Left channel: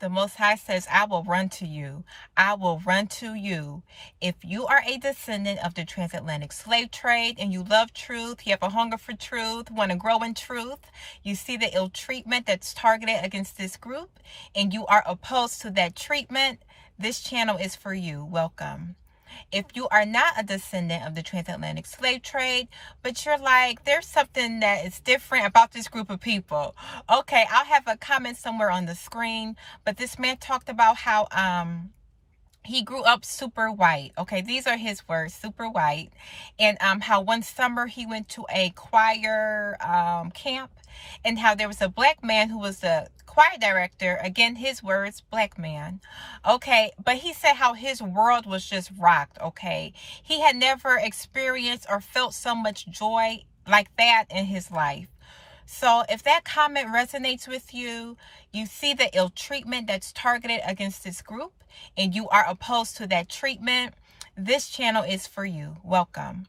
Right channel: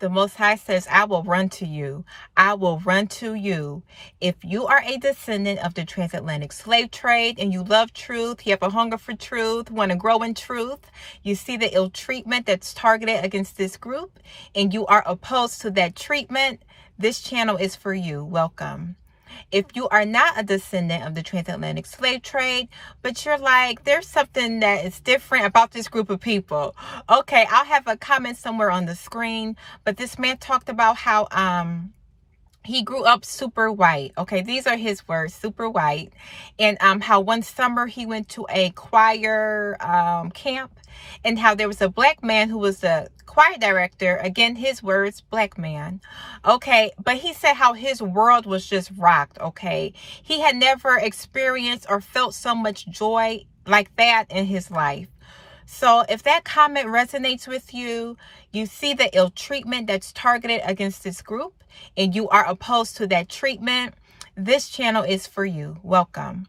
The Most High says, I will run to you. I will run to you. If you are a descendant of the transatlantic slave trade and you love truth, you have a hunger for truth, want to grow in truth, you see the ill treatment that's targeted against this group, and you are opposed to that treatment, this channel is for you. Welcome. If you are not a descendant of the transatlantic slave trade, but you're like, there's something that is different about this group of people. Okay, I'll have a comment somewhere on the screen, but this man talked about how he grew up super white. Okay, these are his words, super white. And how one summer he went to a choir camp, and how there was a black man who was the choir director. Again, his words, black man. Okay, but he said how his world was just rocked. Okay, he had never experienced or felt so much joy like that in his life. So if that comment resonates with you, you see the ill treatment that's targeted against this group, and you are opposed to that treatment, this channel is for you. Welcome.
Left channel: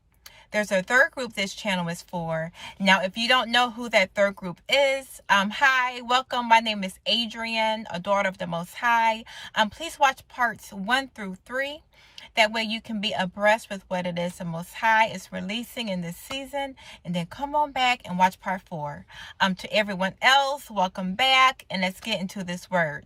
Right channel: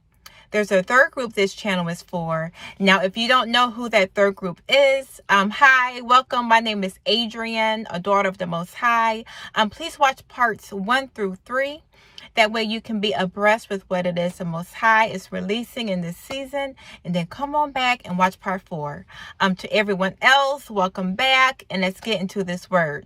There's a third group this channel is for. Now, if you don't know who that third group is, hi, welcome. My name is Adrian, a daughter of the Most High. Please watch parts 1 through 3. That way you can be abreast with what it is the Most High is releasing in this season. And then come on back and watch part 4. To everyone else, welcome back. And let's get into this word.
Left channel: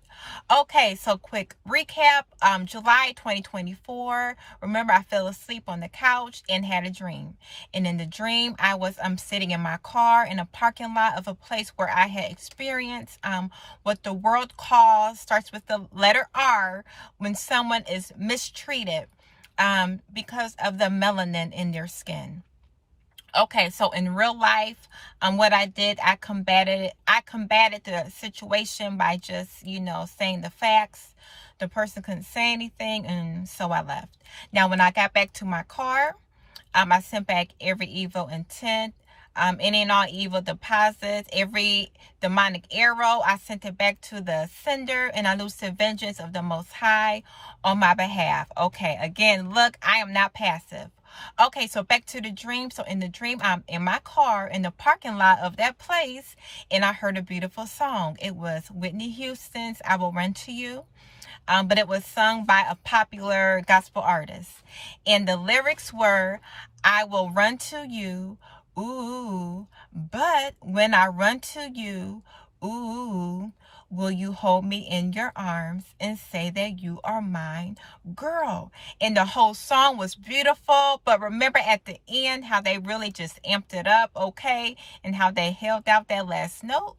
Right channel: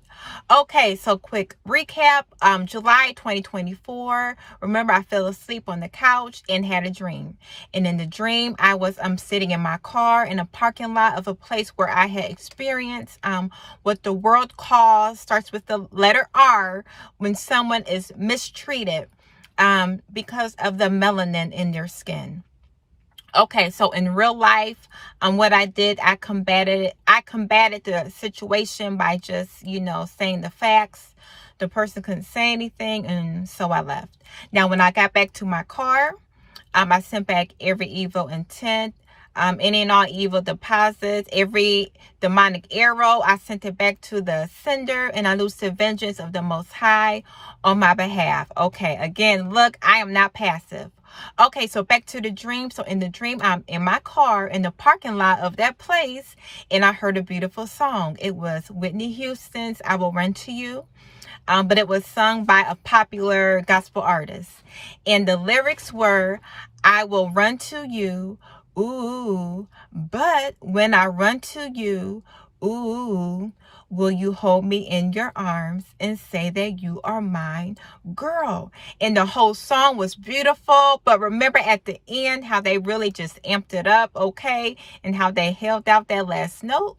Okay, so quick recap. July 2024. Remember, I fell asleep on the couch and had a dream. And in the dream, I was sitting in my car in a parking lot of a place where I had experienced what the world calls, starts with the letter R, when someone is mistreated because of the melanin in their skin. Okay, so in real life, what I did, I combated the situation by just, saying the facts. The person couldn't say anything, and so I left. Now, when I got back to my car, I sent back every evil intent, any and all evil deposits, every demonic arrow, I sent it back to the sender, and I loosed the vengeance of the Most High on my behalf. Okay, again, look, I am not passive. Okay, so back to the dream. So in the dream, I'm in my car in the parking lot of that place, and I heard a beautiful song. It was Whitney Houston's I Will Run to You. But it was sung by a popular gospel artist. And the lyrics were, I will run to you, ooh, but when I run to you, ooh, will you hold me in your arms and say that you are mine, girl? And the whole song was beautiful, but remember at the end how they really just amped it up, okay? And how they held out that last note.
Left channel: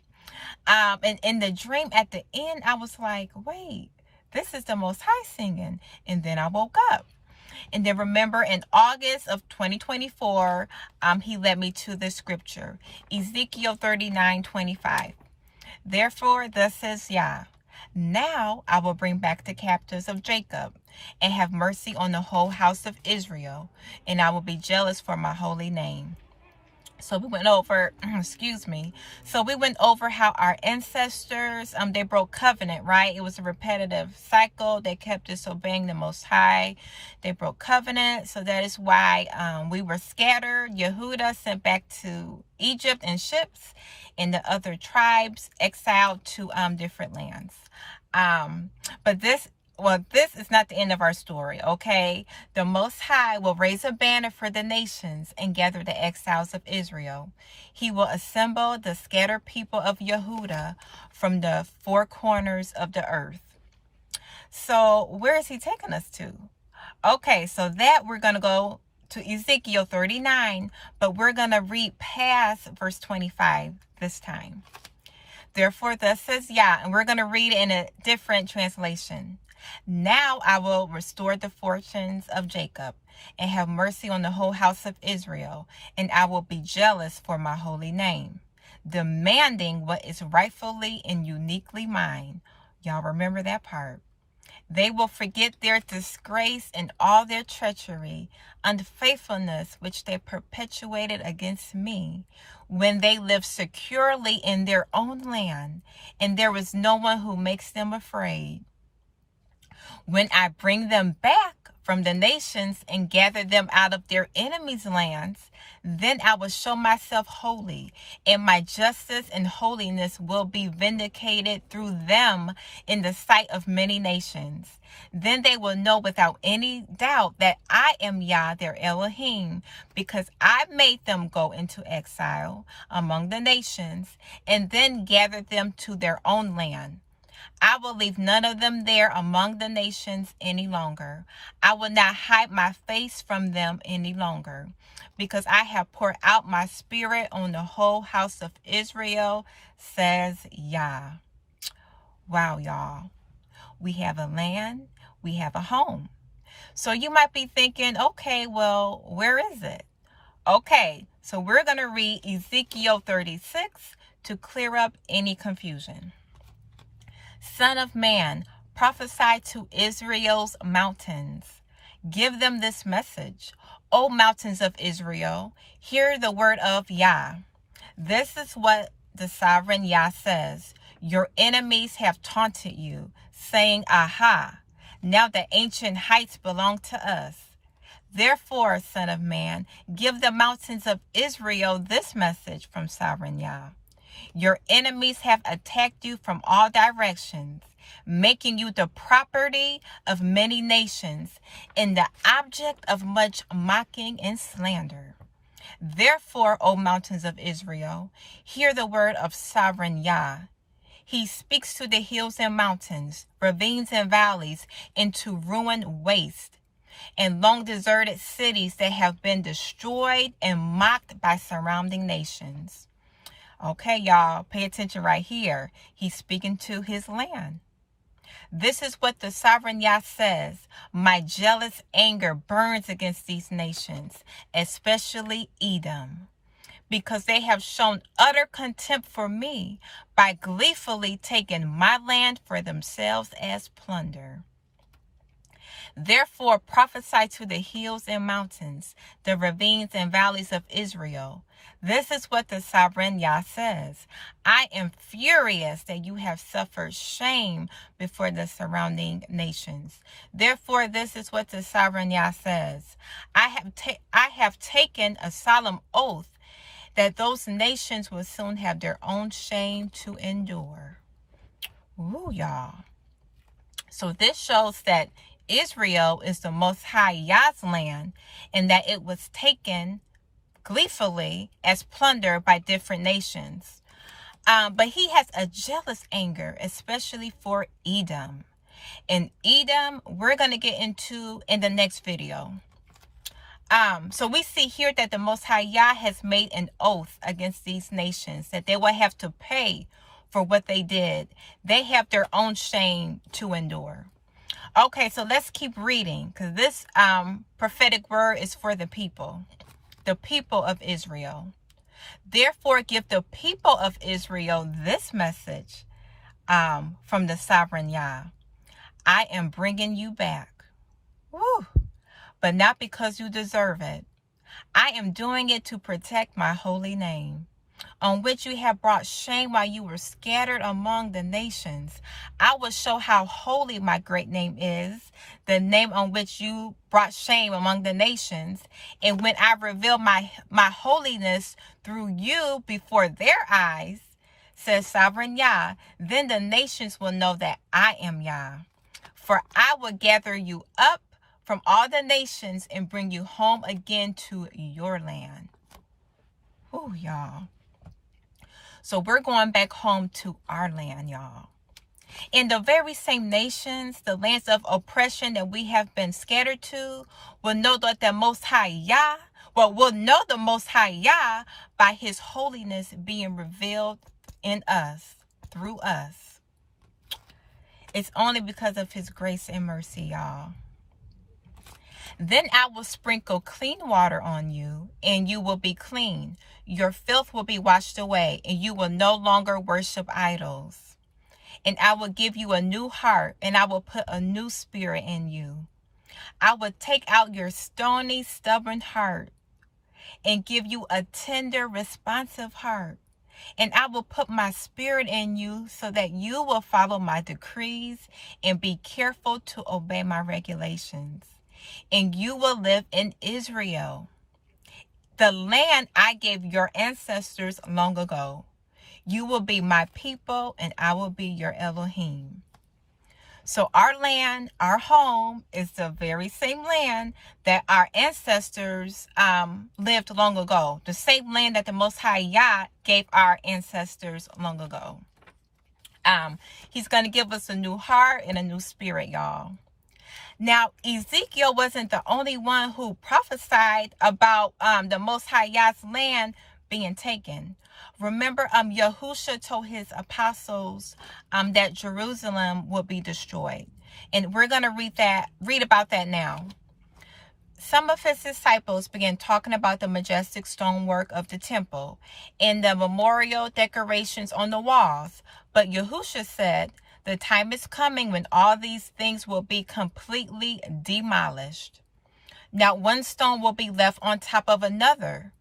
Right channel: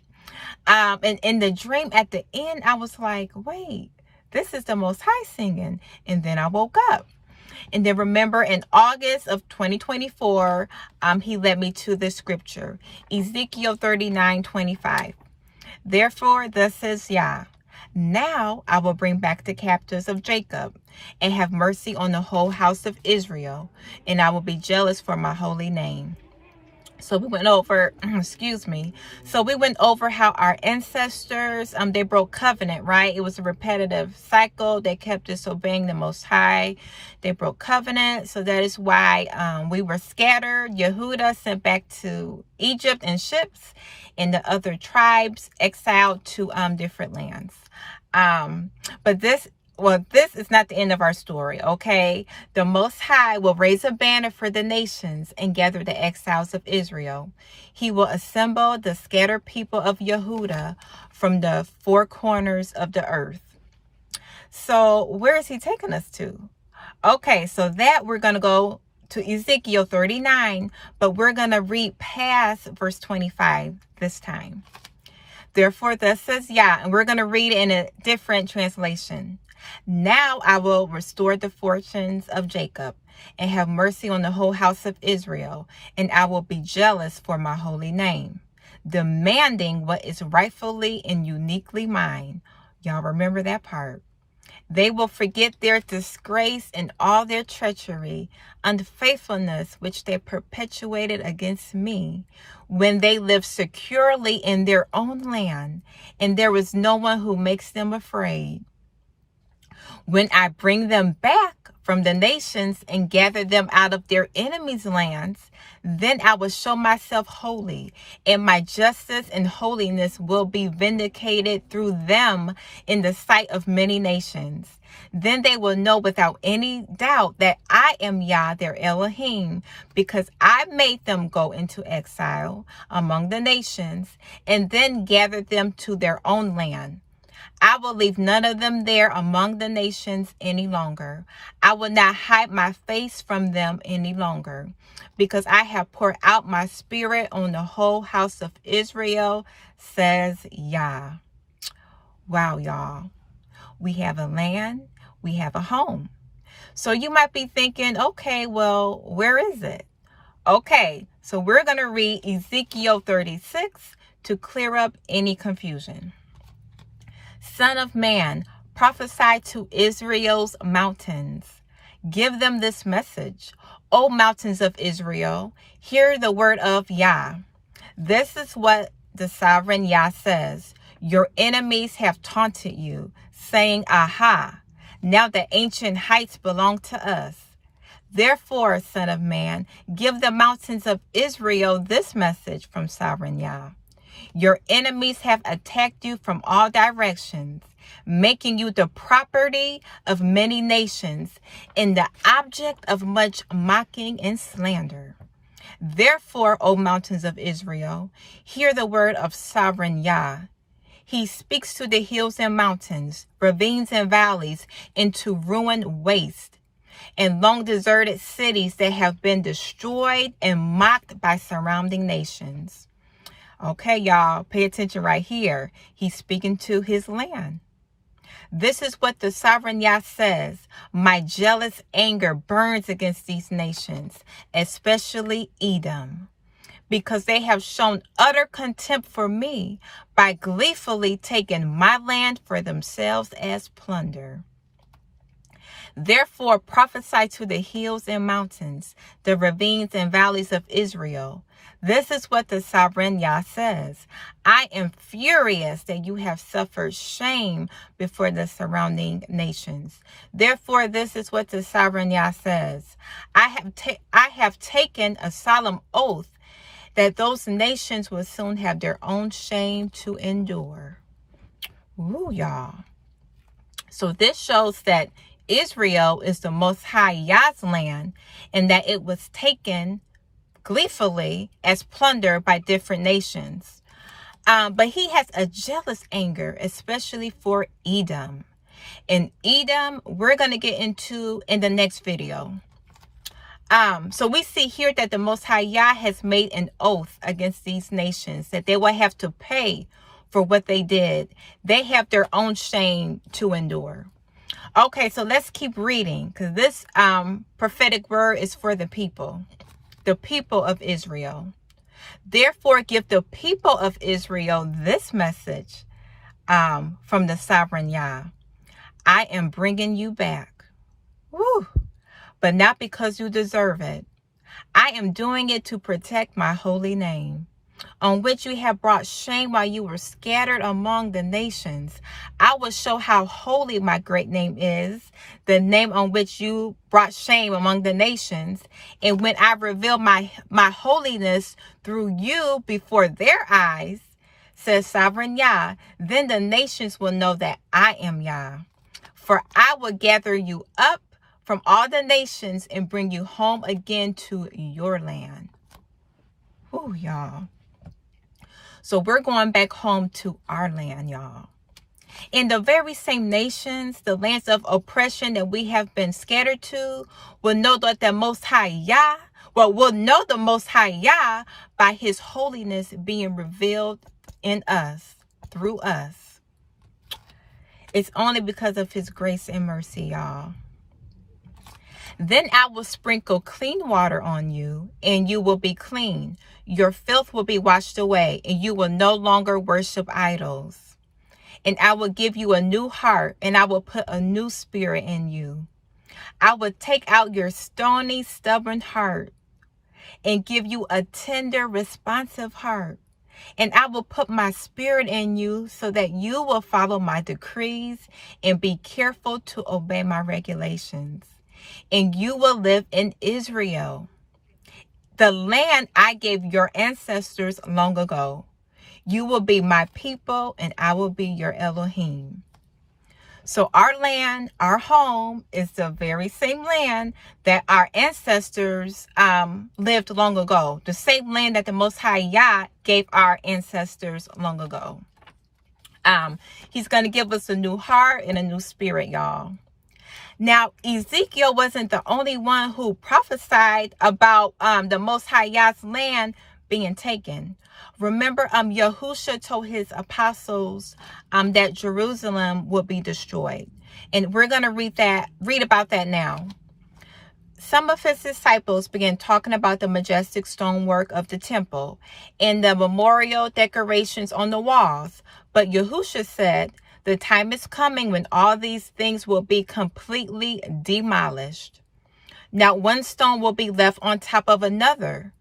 And in the dream at the end, I was like, wait, this is the Most High singing. And then I woke up. And then remember in August of 2024, he led me to the scripture, Ezekiel 39:25. Therefore, thus says Yah, now I will bring back the captives of Jacob and have mercy on the whole house of Israel, and I will be jealous for my holy name. So we went over, So we went over how our ancestors, they broke covenant, right? It was a repetitive cycle. They kept disobeying the Most High. They broke covenant. So that is why we were scattered. Yehuda sent back to Egypt in ships, and the other tribes exiled to different lands. But this is not the end of our story, okay? The Most High will raise a banner for the nations and gather the exiles of Israel. He will assemble the scattered people of Yehuda from the four corners of the earth. So where is he taking us to? Okay, so that we're going to go to Ezekiel 39, but we're going to read past verse 25 this time. Therefore, thus says Yah, and we're going to read it in a different translation. Now I will restore the fortunes of Jacob and have mercy on the whole house of Israel, and I will be jealous for my holy name, demanding what is rightfully and uniquely mine. Y'all remember that part. They will forget their disgrace and all their treachery, unfaithfulness which they perpetuated against me, when they lived securely in their own land, and there was no one who makes them afraid. When I bring them back from the nations and gather them out of their enemies' lands, then I will show myself holy, and my justice and holiness will be vindicated through them in the sight of many nations. Then they will know without any doubt that I am Yah, their Elohim, because I made them go into exile among the nations and then gathered them to their own land. I will leave none of them there among the nations any longer. I will not hide my face from them any longer, because I have poured out my spirit on the whole house of Israel, says Yah. Wow, y'all. We have a land, we have a home. So you might be thinking, okay, well, where is it? Okay, so we're going to read Ezekiel 36 to clear up any confusion. Son of man, prophesy to Israel's mountains. Give them this message. O mountains of Israel, hear the word of Yah. This is what the sovereign Yah says. Your enemies have taunted you, saying, Aha, now the ancient heights belong to us. Therefore, son of man, give the mountains of Israel this message from sovereign Yah. Your enemies have attacked you from all directions, making you the property of many nations and the object of much mocking and slander. Therefore, O mountains of Israel, hear the word of sovereign Yah. He speaks to the hills and mountains, ravines and valleys, into ruined waste, and long deserted cities that have been destroyed and mocked by surrounding nations. Okay, y'all, pay attention right here. He's speaking to his land. This is what the sovereign Yah says. My jealous anger burns against these nations, especially Edom, because they have shown utter contempt for me by gleefully taking my land for themselves as plunder. Therefore prophesy to the hills and mountains, the ravines and valleys of Israel. This is what the sovereign Yah says. I am furious that you have suffered shame before the surrounding nations. Therefore, this is what the sovereign Yah says. I have taken a solemn oath that those nations will soon have their own shame to endure. Ooh, y'all. So this shows that Israel is the Most High Yah's land, and that it was taken gleefully as plunder by different nations. But he has a jealous anger, especially for Edom. And Edom, we're going to get into in the next video. So we see here that the Most High Yah has made an oath against these nations that they will have to pay for what they did. They have their own shame to endure. Okay, so let's keep reading, because this prophetic word is for the people of Israel. Therefore, give the people of Israel this message from the sovereign Yah. I am bringing you back. Woo! But not because you deserve it. I am doing it to protect my holy name, on which you have brought shame while you were scattered among the nations. I will show how holy my great name is, the name on which you brought shame among the nations. And when I reveal my holiness through you before their eyes, says sovereign Yah, then the nations will know that I am Yah. For I will gather you up from all the nations and bring you home again to your land. Ooh, y'all. So we're going back home to our land, y'all. In the very same nations, the lands of oppression that we have been scattered to, will know that the Most High Yah, will know the Most High Yah by his holiness being revealed in us, through us. It's only because of his grace and mercy, y'all. Then I will sprinkle clean water on you, and you will be clean. Your filth will be washed away, and you will no longer worship idols. And I will give you a new heart, and I will put a new spirit in you. I will take out your stony, stubborn heart and give you a tender, responsive heart. And I will put my spirit in you so that you will follow my decrees and be careful to obey my regulations. and you will live in Israel, the land I gave your ancestors long ago. You will be my people, and I will be your Elohim. So our land, our home, is the very same land that our ancestors lived long ago. The same land that the Most High Yah gave our ancestors long ago. He's going to give us a new heart and a new spirit, y'all. Now, Ezekiel wasn't the only one who prophesied about the Most High Yah's land being taken. Remember, Yahusha told his apostles that Jerusalem would be destroyed. And we're going to read about that now. Some of his disciples began talking about the majestic stonework of the temple and the memorial decorations on the walls. But Yahusha said, the time is coming when all these things will be completely demolished. Not one stone will be left on top of another.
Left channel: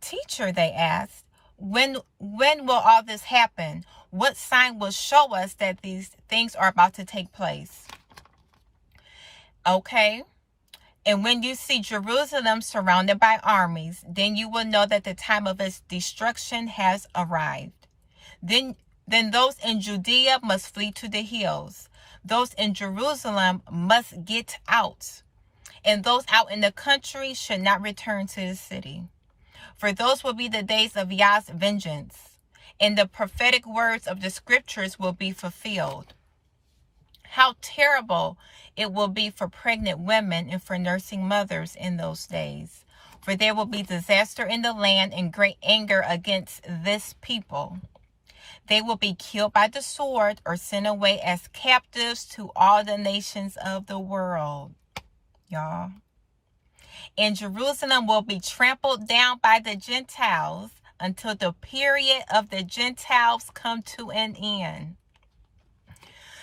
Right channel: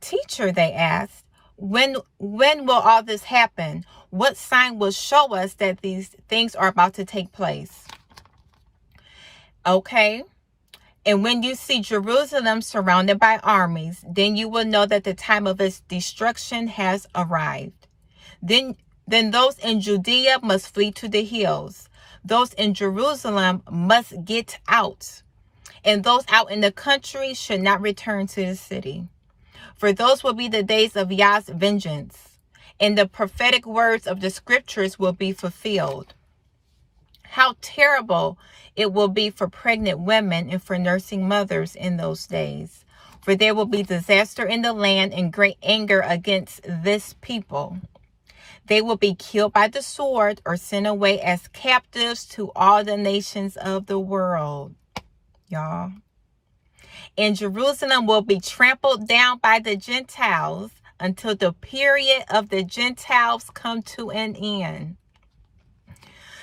Teacher, they asked, when will all this happen? What sign will show us that these things are about to take place? Okay. And when you see Jerusalem surrounded by armies, then you will know that the time of its destruction has arrived. Then those in Judea must flee to the hills. Those in Jerusalem must get out. And those out in the country should not return to the city. For those will be the days of Yah's vengeance, and the prophetic words of the scriptures will be fulfilled. How terrible it will be for pregnant women and for nursing mothers in those days. For there will be disaster in the land and great anger against this people. They will be killed by the sword or sent away as captives to all the nations of the world. Y'all. And Jerusalem will be trampled down by the Gentiles until the period of the Gentiles come to an end.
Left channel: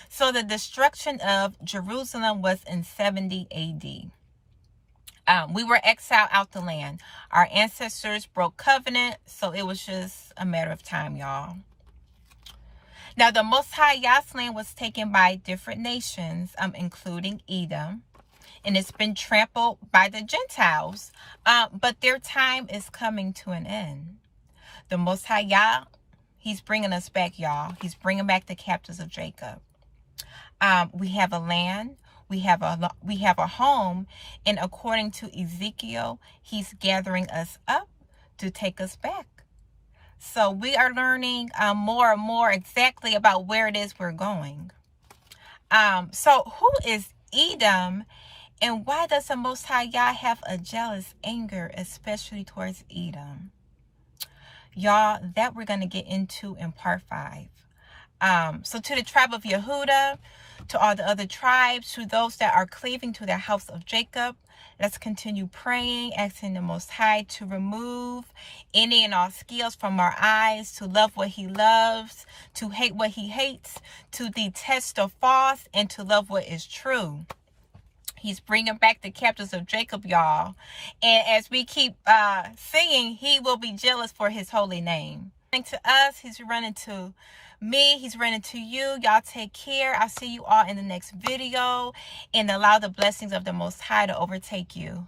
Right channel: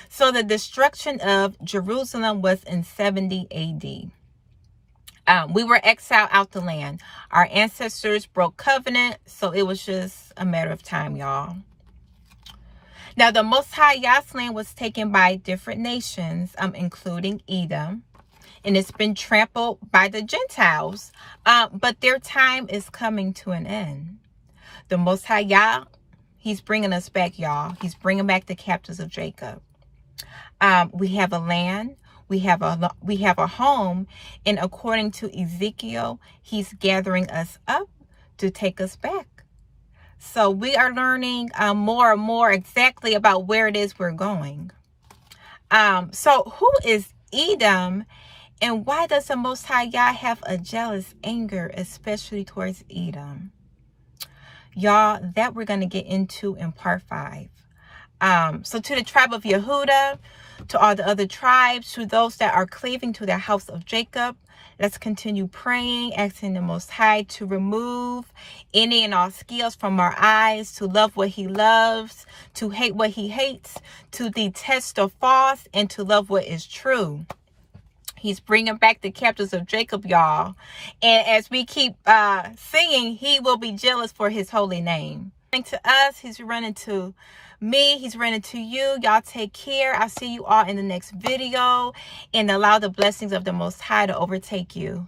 So the destruction of Jerusalem was in 70 AD. We were exiled out the land. Our ancestors broke covenant, so it was just a matter of time, y'all. Now, the Most High Yah's land was taken by different nations, including Edom, and it's been trampled by the Gentiles, but their time is coming to an end. The Most High Yah, he's bringing us back, y'all. He's bringing back the captives of Jacob. We have a land, we have a home, and according to Ezekiel, he's gathering us up to take us back. So we are learning more and more exactly about where it is we're going. So who is Edom, and why does the Most High Yah have a jealous anger, especially towards Edom? Y'all, that we're going to get into in part 5. So to the tribe of Yehuda, to all the other tribes, to those that are cleaving to the house of Jacob, let's continue praying, asking the Most High to remove any and all scales from our eyes, to love what he loves, to hate what he hates, to detest the false, and to love what is true. He's bringing back the captives of Jacob, y'all. And as we keep singing, he will be jealous for his holy name. To us, he's running to me, he's running to you. Y'all take care. I'll see you all in the next video, and allow the blessings of the Most High to overtake you.